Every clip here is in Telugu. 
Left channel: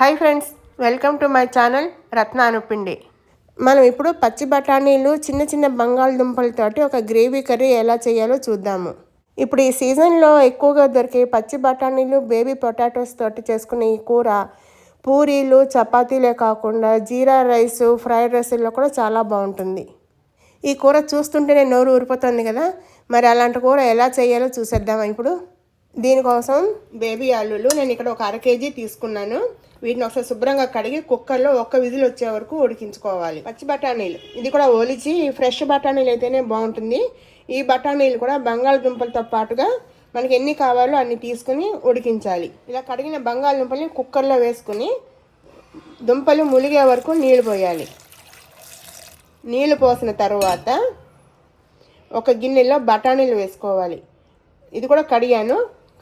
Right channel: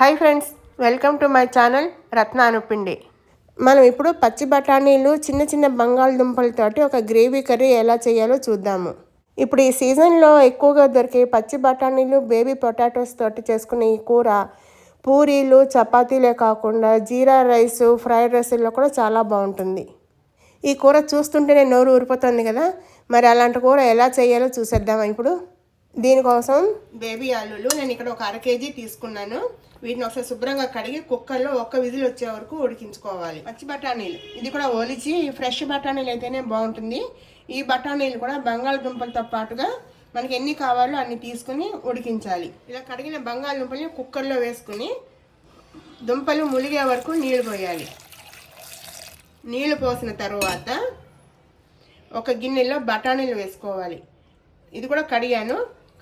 Hi friends, welcome to my channel Ratna Anupindi. మనం ఇప్పుడు పచ్చి బఠానీలు చిన్న చిన్న బంగాళదుంపలతోటి ఒక గ్రేవీ కర్రీ ఎలా చేయాలో చూద్దాము. ఇప్పుడు ఈ సీజన్లో ఎక్కువగా దొరికే పచ్చి బఠానీలు బేబీ పొటాటోస్ తోటి చేసుకునే ఈ కూర పూరీలు చపాతీలే కాకుండా జీరా రైస్ ఫ్రైడ్ రైస్లో కూడా చాలా బాగుంటుంది. ఈ కూర చూస్తుంటేనే నోరు ఊరిపోతుంది కదా. మరి అలాంటి కూర ఎలా చేయాలో చూసేద్దామా ఇప్పుడు. దీనికోసం బేబీ ఆలులు నేను ఇక్కడ ఒక 1/2 kg తీసుకున్నాను. వీటిని ఒకసారి శుభ్రంగా కడిగి కుక్కర్లో ఒక్క విజిల్ వచ్చే వరకు ఉడికించుకోవాలి. పచ్చి బఠానీలు ఇది కూడా ఒలిచి ఫ్రెష్ బఠానీలు అయితేనే బాగుంటుంది. ఈ బఠానీలు కూడా బంగాళదుంపలతో పాటుగా మనకి ఎన్ని కావాలో అన్ని తీసుకుని ఉడికించాలి. ఇలా కడిగిన బంగాళదుంపల్ని కుక్కర్లో వేసుకుని దుంపలు ములిగే వరకు నీళ్లు పోయాలి. నీళ్లు పోసిన తర్వాత ఒక గిన్నెలో బఠానీలు వేసుకోవాలి. ఇది కూడా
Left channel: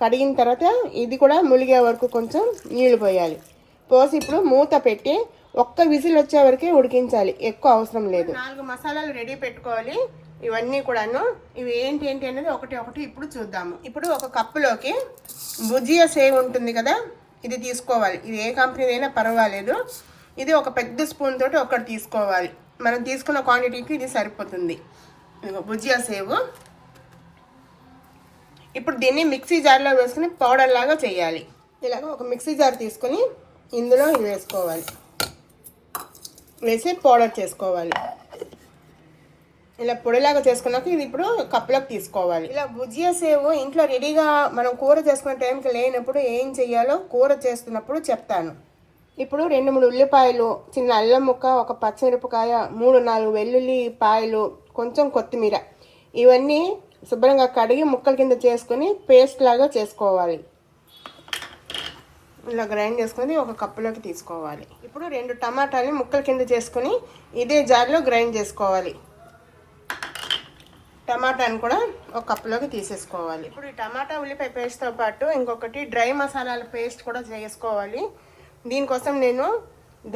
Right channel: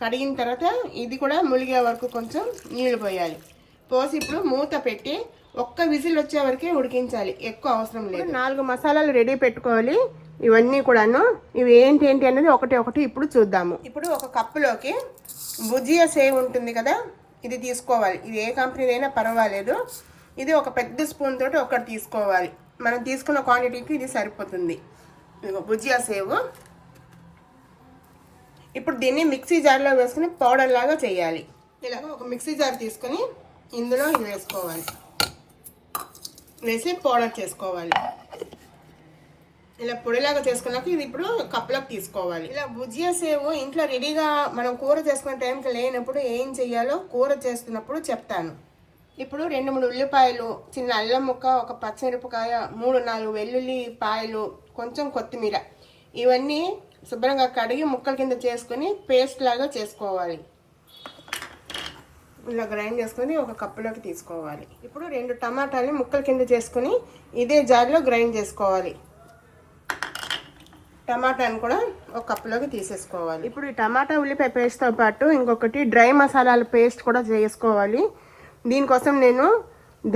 కడిగిన తర్వాత ఇది కూడా ములిగే వరకు కొంచెం నీళ్లు పోయాలి. పోసి ఇప్పుడు మూత పెట్టి ఒక్క విజిల్ వచ్చే వరకే ఉడికించాలి, ఎక్కువ అవసరం లేదు. 4 మసాలాలు రెడీ పెట్టుకోవాలి. ఇవన్నీ కూడాను ఇవి ఏంటి అనేది ఒకటి ఇప్పుడు చూద్దాము. ఇప్పుడు ఒక కప్పులోకి భుజియా సేవ్ ఉంటుంది కదా, ఇది తీసుకోవాలి. ఇది ఏ కంపెనీదైనా పర్వాలేదు. ఇది ఒక పెద్ద స్పూన్ తోటి ఒకటి తీసుకోవాలి. మనం తీసుకున్న క్వాంటిటీకి ఇది సరిపోతుంది. భుజియా సేవ్. ఇప్పుడు దీన్ని మిక్సీ జార్లో వేసుకుని పౌడర్ లాగా చేయాలి. ఇలాగ ఒక మిక్సీ జార్ తీసుకుని ఇందులో ఇది వేసుకోవాలి, వేసి పౌడర్ చేసుకోవాలి. ఇలా పొడిలాగా చేసుకున్నాక ఇది ఇప్పుడు కప్లోకి తీసుకోవాలి. ఇలా భుజియా సేవ్ ఇంట్లో రెడీగా మనం కూర చేసుకునే టైంకి లేనప్పుడు ఏం చెయ్యాలో కూర చేస్తున్నప్పుడు చెప్తాను. ఇప్పుడు 2-3 ఉల్లిపాయలు, చిన్న అల్లం ముక్క, ఒక పచ్చిమిరపకాయ, 3-4 వెల్లుల్లి పాయలు, కొంచెం కొత్తిమీర, ఇవన్నీ శుభ్రంగా కడిగి ముక్కల కింద చేసుకుని పేస్ట్ లాగా చేసుకోవాలి. ఇలా గ్రైండ్ చేసుకుని ఒక కప్పులోకి తీసుకోవాలి. ఇప్పుడు 2 టమాటాలని ముక్కల కింద చేసుకుని ఇదే జార్లో గ్రైండ్ చేసుకోవాలి. టమాటాని కూడా ఒక కప్పులోకి తీసేసుకోవాలి. ఇప్పుడు ఈ టమాటా ఉల్లిపాయ పేస్ట్తో పాటు ఇంకొకటి డ్రై మసాలాల పేస్ట్ కూడా చేసుకోవాలి. దీనికోసం నేను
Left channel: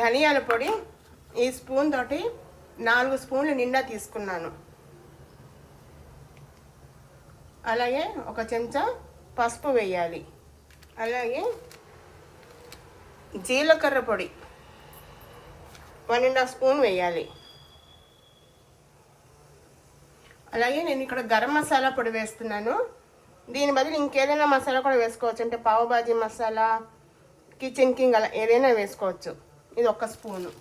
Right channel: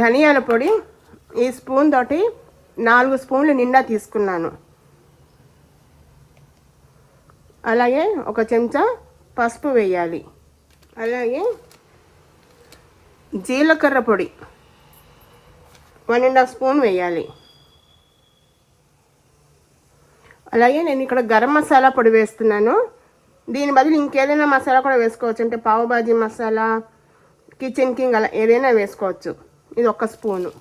ధనియాల పొడి ఈ స్పూన్ తోటి 4 స్పూన్లు నిండా తీసుకున్నాను. అలాగే ఒక చెంచా పసుపు వేయాలి. అలాగే జీలకర్ర పొడి 1.5 స్పూన్ వేయాలి. అలాగే నేను ఇక్కడ గరం మసాలా పొడి వేస్తున్నాను. దీని బదులు ఇంకేదైనా మసాలా కూడా వేసుకోవచ్చు. అంటే పావుబాజీ మసాలా, కిచెన్ కింగ్, అలా ఏదైనా వేసుకోవచ్చు. ఇది 1 స్పూను.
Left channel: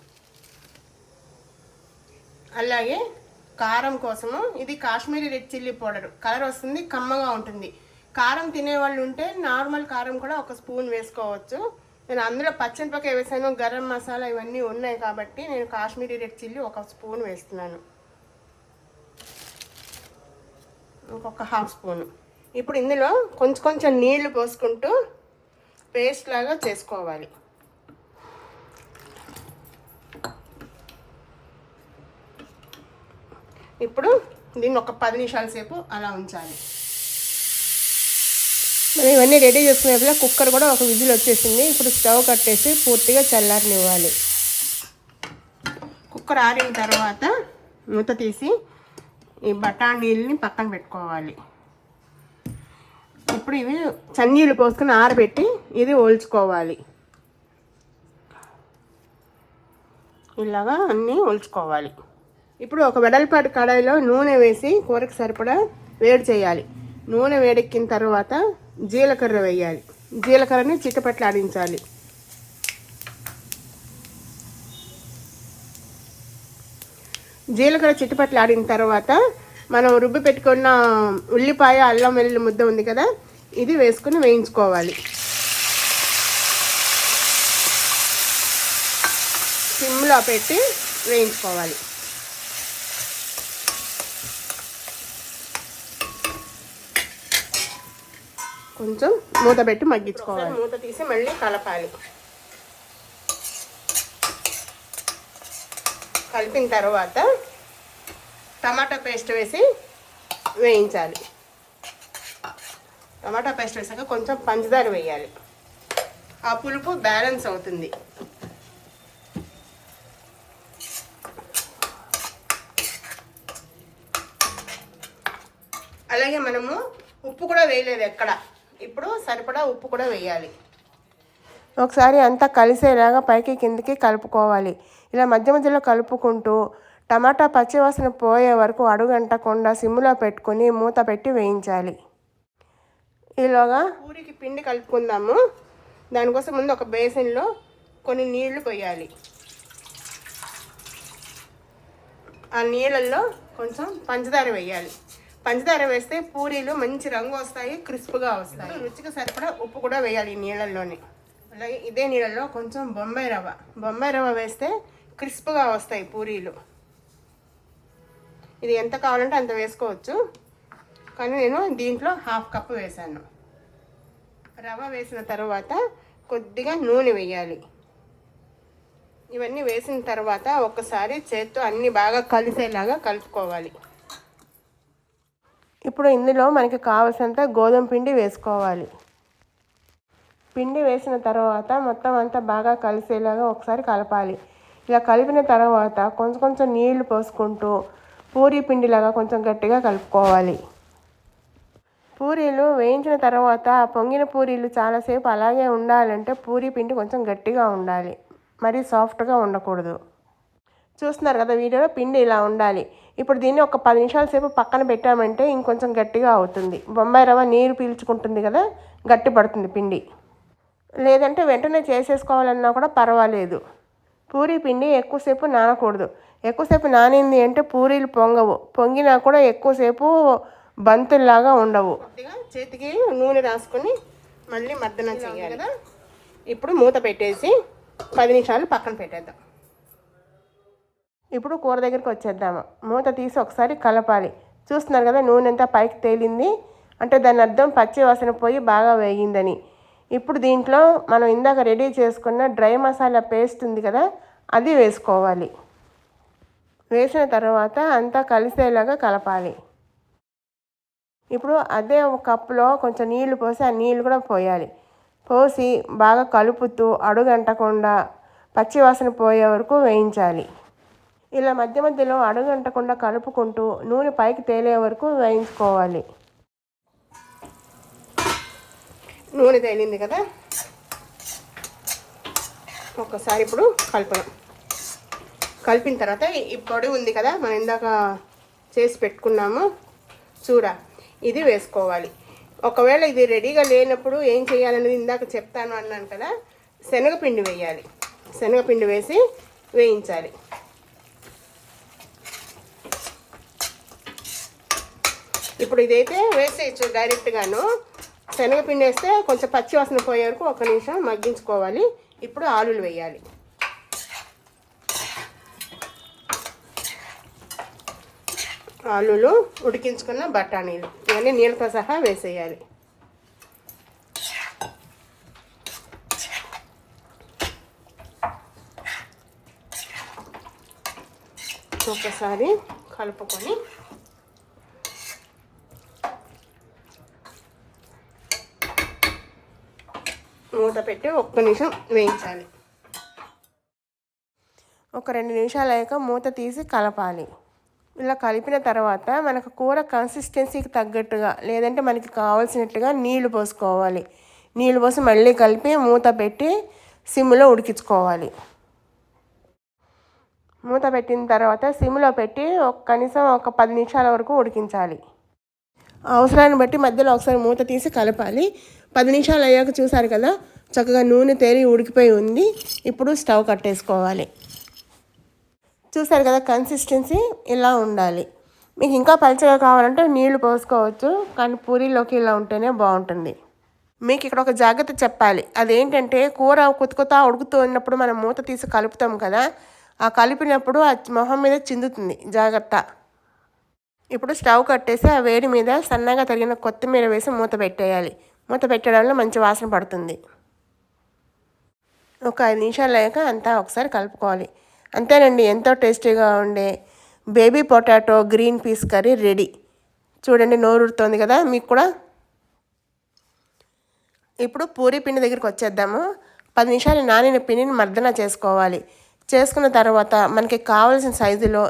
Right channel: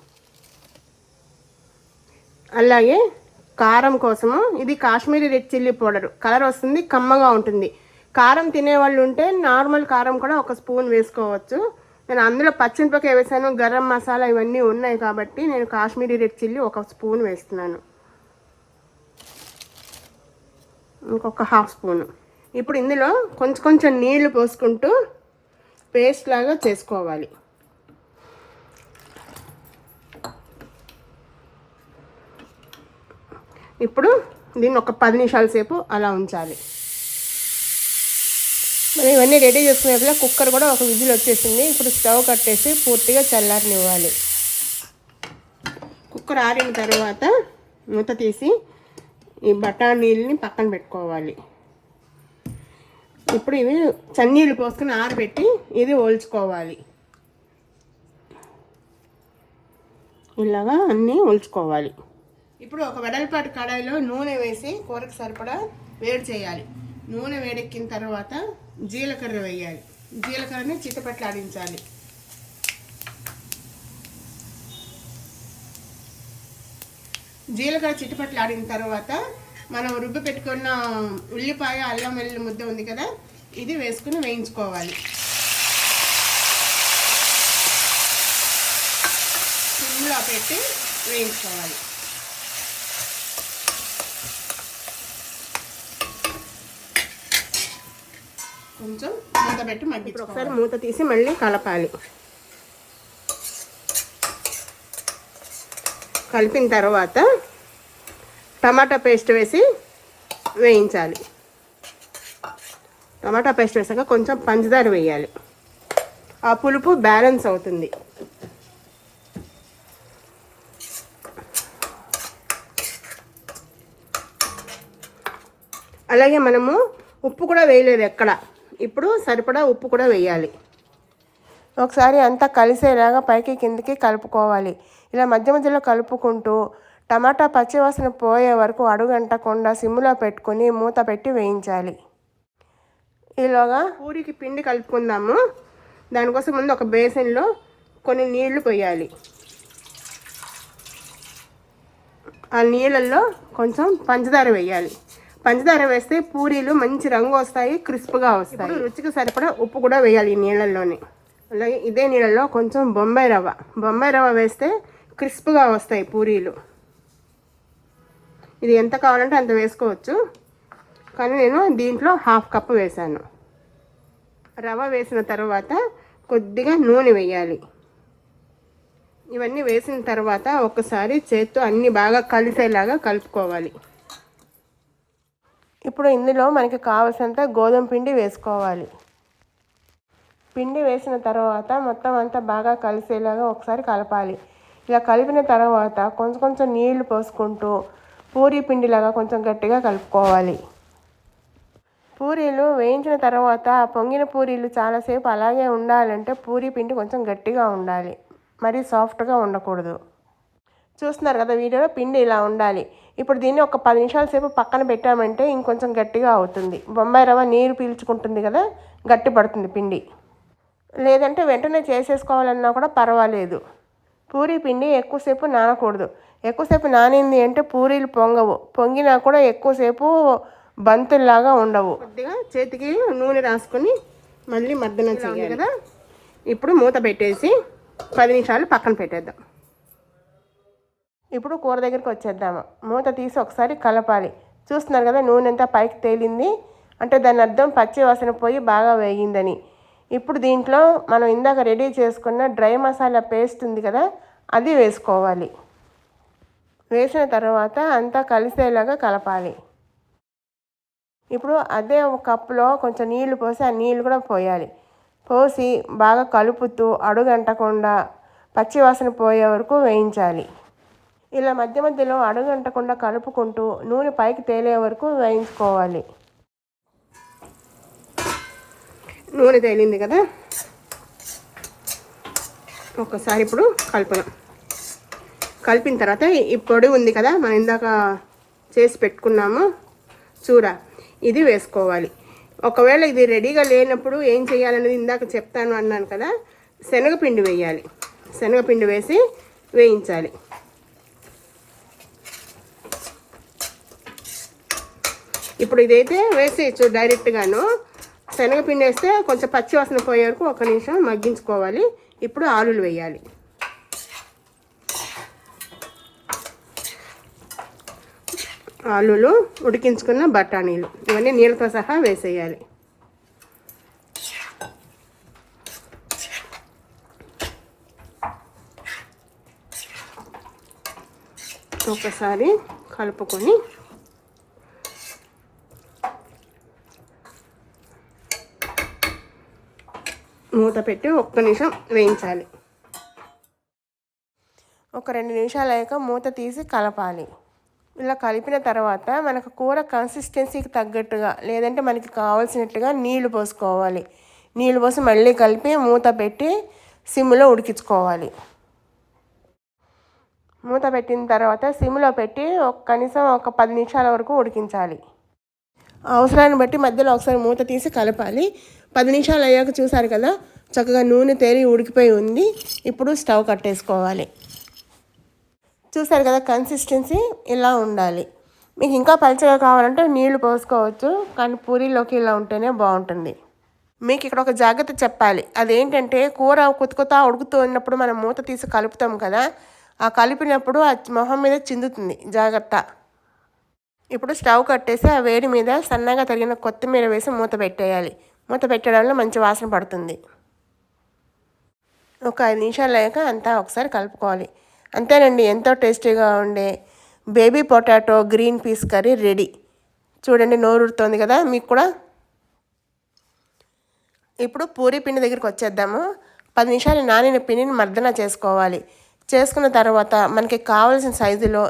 అలాగే కారం కోసము ఇది Kashmiri red chilli powder. Colour వస్తుంది, కమ్మగా ఉంటుంది. కారం తినేవాళ్ళు ఉంటే నార్మల్ కారం కూడా 1 స్పూన్ వేసుకోవచ్చు. నేను అందులో పచ్చిమిరపకాయ వేసాను, గరం మసాలా ఇవన్నీ ఉన్నాయి కాబట్టి నేను కాశ్మీరీ రెడ్ చిల్లీ 1 స్పూన్ వేస్తున్నాను. ఇంకొక 1/2 స్పూను. ఇప్పుడు ఇందులో కొంచెం నీళ్లు పోసుకుంటూ పేస్ట్ లాగా చేసుకోవాలి. ఇప్పుడు దీన్ని ఒక 10 నిమిషాల సేపు అలా ఉంచాలి. మనం ఇవన్నీ రెడీ చేసుకునేప్పుడు కుక్కర్ కూడా ఒక విజిల్ వచ్చేసింది. ఇప్పుడు స్టవ్ కట్టేసి పూర్తిగా చల్లారనివ్వాలి. కుక్కర్ ఆరిన తర్వాత మూత తీసి ఈ బఠానీల్ని పక్కన పెట్టుకోవాలి. ఇప్పుడు ఇవి చన్నీళ్ళు పోసుకొని ఆరబెట్టి ఇది ఒలుచుకోవాలి. ఇలాగా అన్నీ ఒలుచుకోవాలి. ఇప్పుడు ఒక వెడల్పాటి కడాయిలో నూనె వేసి కూరకు సరిపడా వేడి చేయాలి. నూనె వేడెక్కిన తర్వాత జీలకర్ర వేయాలి. జీలకర్రని చిటపట్లాడించాలి. జీలకర్ర చిటపట్లాడిన తర్వాత మనం రుబ్బి పెట్టుకున్న ఉల్లిపాయ, అల్లం వెల్లుల్లి ముద్ద ఉంది కదా, ఇది వేసుకుని వేయించుకోవాలి. సిమ్లో పెట్టి వేయించుకోవాలి. కొంచెం మూత పెట్టి మగ్గించుకోవాలి. మూత తీసి మళ్ళీ కలపాలి. కలిపిన తర్వాత టమాటా పేస్ట్ వేసి వేయించాలి. టమాటా పేస్ట్ వేసాక కొంచెం పంచదార వేయాలి. ఆ పులుపు బ్యాలెన్స్ అవుతుంది. అలాగే మనము ఉప్పు కూడా వేయలేదు ఎక్కడ. ఇప్పుడు సరిపడా ఉప్పు కూడా వేయాలి. ఒకసారి అంతా కలిసేలాగా పైకి కిందికి కలుపుకోవాలి. ఇలా మధ్య మధ్యలో కలుపుకుంటూ టమాటా పచ్చివాసన పోయే వరకు అడుగంటకుండా సిమ్లో పెట్టుకొని మూత పెట్టి వేయించాలి. ఈలోగా పూరికి పిండి కలుపుకుందాము. దానికోసం ముందు ఒక బేసిన్లో కొన్ని నీళ్లు పోయాలి. ఆ నీళ్ళల్లో కొంచెం పంచదార వేయాలి. పంచదార వేస్తే పూరీలు మంచి రంగు వస్తాయి, క్రిస్ప్గా వస్తాయి. రుచికి సరిపడా ఉప్పు కూడా వేయాలి ఈ నీళ్ళల్లోని. అలాగే ఇదే నీళ్ళల్లో కొంచెం బొంబాయి రవ్వ వేస్తే క్రిస్ప్గా వస్తాయి పూరీలు. ఇది ఎంత కావాలంటే అంత వేసుకోవచ్చు, కానీ నేను దీంట్లో 1/2 కప్పు వేసాను. రవ్వ వేసిన తర్వాత కొద్దిగా నూనె వేయాలి. ఇవన్నీ వేసిన తర్వాత ఒకసారి చేత్తో అన్నీ బాగా కలిసేలాగా కలుపుకోవాలి. ఇప్పుడు ఇందులో మనకి కావలసినంత గోధుమ పిండి వేసుకోవాలి. పిండి వేసిన తర్వాత మొత్తం అంతా బాగా కలిసేలాగా ఒకసారి కలపాలి. ఇలా కలిపిన తర్వాత కొంచెం కొంచెం నీళ్లు పోసుకుంటూ పూరీ పిండిలాగా కొంచెం గట్టిగా కలుపుకోవాలి. పూరీలు వేయించిన తర్వాత పొంగిన పూరీలు చాలాసేపు అలాగే ఉండాలంటే పూరీ పిండి కొంచెం గట్టిగా ఉండాలి, మరీ సాఫ్ట్గా ఉండకూడదు. చూస్తున్నారు కదా వీడియోలో పిండి ఇలా ఉండాలి. ఇప్పుడు దీన్ని ఒక 10 నిమిషాల సేపు పక్కన పెట్టామంటే ఇంకొంచెం గట్టిగా అవుతుంది. బొంబాయి రవ్వ నీరు పీల్చుకుంటుంది కదా, గట్టి పడుతుంది పిండి. లేదంటే వెంటనే చేసేసుకోవాలన్నా కూడా పర్వాలేదు. పూరీ పిండి ఎక్కువసేపు నానకూడదు. ఎక్కువసేపు నానింది అంటే పూరీలు పొంగవు, పొంగినా కూడా ఎక్కువసేపు బంతుల్లాగా ఉండవు. కొద్దిగా చేతికి నూనె రాసుకొని మళ్ళీ మర్దన చేయాలి కదా. ఇప్పుడు మూత పెట్టేసి 10 నిమిషాలు పక్కన పెట్టేద్దాం. ఇప్పుడు కూర దగ్గరికి వచ్చేద్దాము. మూత తీసి ఒకసారి కలపాలి. చూస్తున్నారు కదా నూనె అంతా పైకి తేలింది అంటే దాని అర్థం పచ్చి వాసన పోయి బాగా వేగిందని. ఇప్పుడు దీంట్లో మనం ఇందాక రెడీ చేసుకున్న డ్రై మసాలా పేస్ట్ ఉంది కదా, అది వేసుకోవాలి. వేసిన తర్వాత అంతా కలిసేలాగా కలపాలి. ఇప్పుడు అదే ఒక కప్పులో కొంచెం నీళ్లు పోసి ఆ నీళ్ళు కూడా పోయాలి. పోసి బాగా కలుపుతూ అడుగంటకుండా పచ్చివాసన పోయే వరకు వేయించాలి. ఇలా మధ్య మధ్యలో అడుగంటకుండా కలుపుకుంటూ నూనె పైకి తేలే వరకు వేయించుకోవాలి. నూనె తేలింది కదా, ఒకసారి ఇప్పుడు కలిపిన తర్వాత ఈ పొడి ఉంది కదా మనం ఇందాక చేసి పెట్టుకున్నాము చూర, ఇది వేసుకోవాలి. ఒకవేళ ఇది రెడీగా లేనప్పుడు ఏం చేయాలనేది ఇందాక చెప్తాను అన్నాను కదా, శనగపిండి వేయాలి. శనగపిండి వేసి వేయించాలి. ఇప్పుడు ఇదైతే వేసేయచ్చు డైరెక్ట్గాను. శనగపిండి వేస్తే కొంచెం పచ్చి వాసన పోయే వరకు 1 నిమిషం మగ్గించుకోవాలి. ఇప్పుడు ఆలులు వేయాలి. ఆలులు, ఉడికించుకున్న బఠానీలు ఇవన్నీ నీళ్ళతో సహా వేసేయాలి. ఒకసారి కలుపుకొని మూత పెట్టి 1 నిమిషం వేయించాలి. ఒక 2 నిమిషాలు అయ్యాక మూత తీసి కలపాలి. ఇలా కలిపిన తర్వాత మనకు కూర కన్సిస్టెన్సీకి తగ్గట్టుగా లేదంటే మనకి కావాల్సినట్టుగా నీళ్లు పోసుకోవాలి. నీళ్ళు పోసి మళ్ళీ కలిపి మూత పెట్టి సిమ్లో ఉడికించుకోవాలి. మూత పెట్టిన తర్వాత సిమ్లో పెట్టి కనీసం ఒక 10 నిమిషాల వరకు ఉడికించాలి. అవసరాన్ని బట్టి మధ్యలో ఒకసారి మూత తీసి కలపాలి. 10 నిమిషాలు అయ్యాక చూసారు కదా చక్కగా నూనె తేలి ఉడికిపోయి ఉంది. ఇప్పుడు స్టవ్ కట్టేసుకోవాలి. చూసారు కదా కన్సిస్టెన్సీ ఇలా ఉండాలి. మీకు ఇంకా పలుచగా కావాలంటే నీళ్లు పోసుకోవచ్చు, కానీ పూరీలోకి ఇలా ఉంటేనే బాగుంటుంది. మీకు ఇక్కడ ఒక జాగ్రత్త చెప్పాలి. అదేంటంటే కూర కొత్త ఉడుకుతూ ఉన్నప్పుడు మనం మూత తీసి కలుపుతాం కదా, ఆ కలిపినప్పుడు ఆ మొహం మీద చిందుతుంది, జాగ్రత్త. ఇప్పుడు స్టవ్ కట్టేసి ఆ వేడి మీద సన్నగా తరిగిన కొత్తిమీర వేసి మూత పెట్టేయాలి. మూత పెట్టడం వల్ల మంచి వాసన పడుతుంది. ఒక 5 నిమిషాలు అయ్యాక అంతా ఒకసారి కలుపుకోవాలి. అంతేనండి, ఎంతో టేస్టీగా ఉండే baby potato green peas curry ready. చూడండి నోరుడుతోంది కదా మీకు కూడా. ఇప్పుడు పూరీ పిండి దగ్గరికి వచ్చేద్దాము. 10 నిమిషాలు నానిన పిండిని మర్దన చేసుకోవాలి. చేసుకున్న తర్వాత మనకి కావాల్సిన సైజులో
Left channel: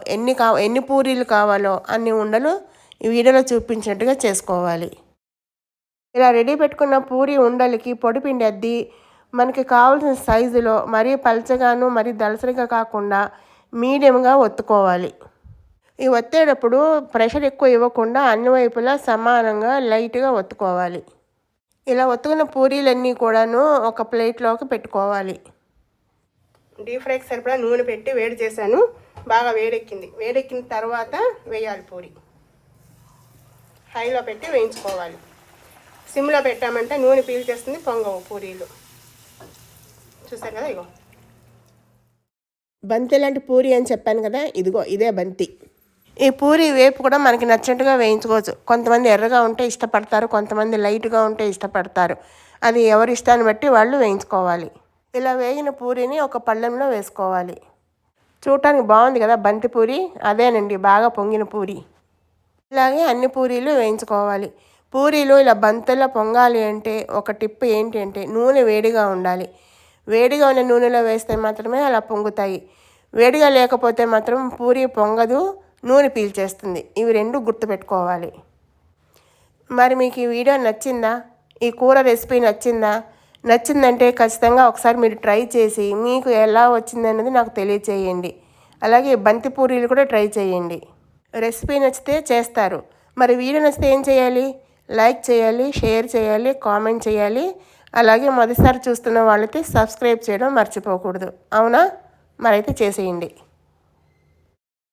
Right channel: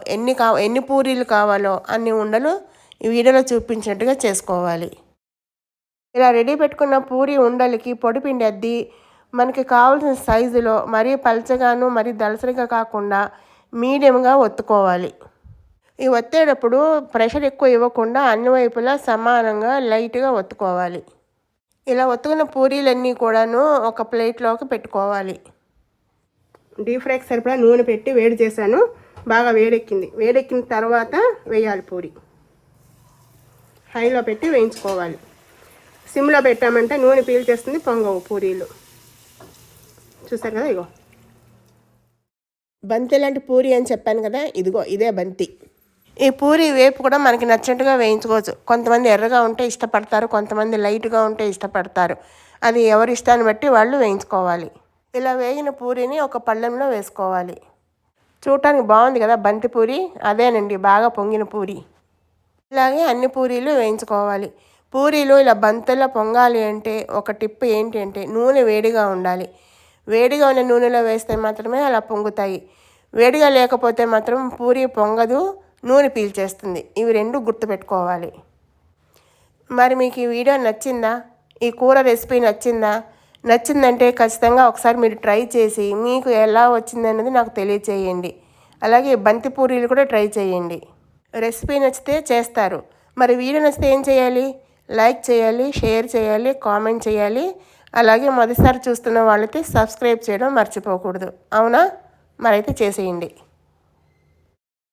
ఎన్ని పూరీలు కావాలో అన్ని ఉండలు ఈ వీడియోలో చూపించినట్టుగా చేసుకోవాలి. ఇలా రెడీ పెట్టుకున్న పూరీ ఉండలకి పొడిపిండి అద్ది మనకి కావాల్సిన సైజులో మరీ పల్చగాను మరీ దళసరిగా కాకుండా మీడియంగా ఒత్తుకోవాలి. ఈ ఒత్తేటప్పుడు ప్రెషర్ ఎక్కువ ఇవ్వకుండా అన్ని వైపులా సమానంగా లైట్గా ఒత్తుకోవాలి. ఇలా ఒత్తుకున్న పూరీలన్నీ కూడాను ఒక ప్లేట్లోకి పెట్టుకోవాలి. డీప్ ఫ్రైకి సరిపడా నూనె పెట్టి వేడి చేశాను. బాగా వేడెక్కింది. వేడెక్కిన తర్వాత వేయాలి పూరి. హైలో పెట్టి వేయించుకోవాలి. సిమ్లో పెట్టామంటే నూనె పీల్చేస్తుంది, పొంగవు పూరీలు. చూసారు కదా, ఇగో బంతి లాంటి పూరి అని చెప్పాను కదా, ఇదిగో ఇదే బంతి. ఈ పూరి వేపు కూడా మనకి నచ్చినట్టుగా వేయించుకోవచ్చు. కొంతమంది ఎర్రగా ఉంటే ఇష్టపడతారు, కొంతమంది లైట్గా ఉంటే ఇష్టపడతారు. అది ఎవరి ఇష్టాన్ని బట్టి వాళ్ళు వేయించుకోవాలి. ఇలా వేగిన పూరిని ఒక పళ్ళెంలో వేసుకోవాలి. చూడటానికి బాగుంది కదా బంతి పూరి, అదేనండి బాగా పొంగిన పూరి. ఇలాగే అన్ని పూరీలు వేయించుకోవాలి. పూరీలు ఇలా బంతుల్లో పొంగాలి అంటే ఒక టిప్ ఏంటి అంటే నూనె వేడిగా ఉండాలి. వేడిగా ఉన్న నూనెలో వేస్తే మాత్రమే అలా పొంగుతాయి. వేడిగా లేకపోతే మాత్రం పూరి పొంగదు, నూనె పీల్చేస్తుంది. ఇవి రెండు గుర్తుపెట్టుకోవాలి. మరి మీకు ఈ వీడియో నచ్చిందా? ఈ కూర రెసిపీ నచ్చిందా? నచ్చిందంటే ఖచ్చితంగా ఒకసారి మీరు ట్రై చేసి మీకు ఎలా వచ్చిందన్నది నాకు తెలియచేయండి. అలాగే బంతి పూరీలు కూడా ట్రై చేయండి. రెసిపీ నచ్చితే చేస్తారు. మరి వీడియో నచ్చితే ఏం చేయాలి? లైక్ చేయాలి, షేర్ చేయాలి, కామెంట్ చేయాలి. అలాగే మొదటిసారి చూస్తున్న వాళ్ళైతే సబ్స్క్రైబ్ చేయడం మర్చిపోకూడదు. అవునా? మరైతే చేసేయండి.